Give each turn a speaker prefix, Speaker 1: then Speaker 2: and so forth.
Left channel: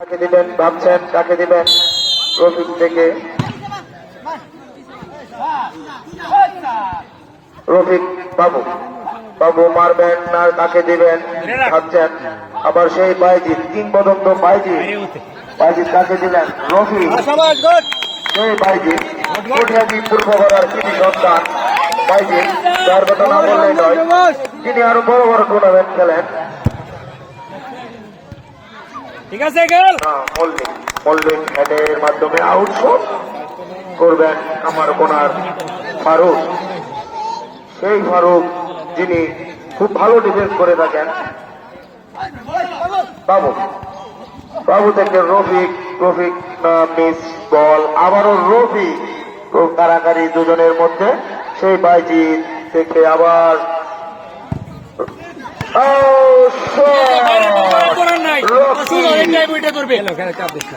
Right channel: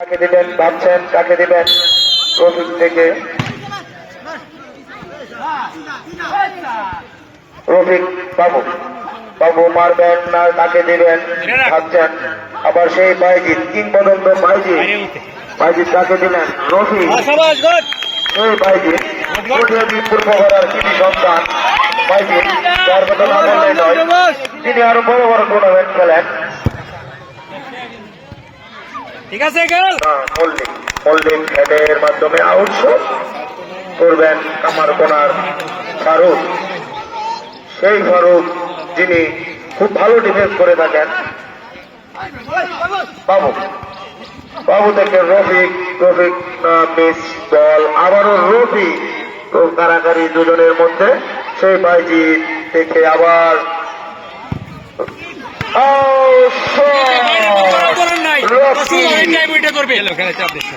Speaker 1: কাকে দিবেন, ভাবছেন কাকে দিবেন। রফিক থেকে রফিক বাবু বাবু মারবেন না কাকে দিবেন, ভাবছেন। আবার সেই বাইজিৎ কিংবদন্ত বাইজিৎ বাইজিৎ কাকে দিবেন, রফিক। সেই বাইজিৎ তিনি আরও বড় বড় টুর্নামেন্ট খেলেন।
Speaker 2: ঠিক আছে
Speaker 1: হোল্ডিং হেডের মাধ্যমে আউট করবেন কামার কোনার ফারুক। সেই ফারুক যিনি খুব ভালো ডিফেন্স করে থাকেন। বাবু বাবু থেকে রফিক রফিক মিস বল আবারও রফিক। খুব কারাকারি দুজনের মধ্যে সেই বাইজিৎ থেকে আবার। Oh, shot!
Speaker 2: করবে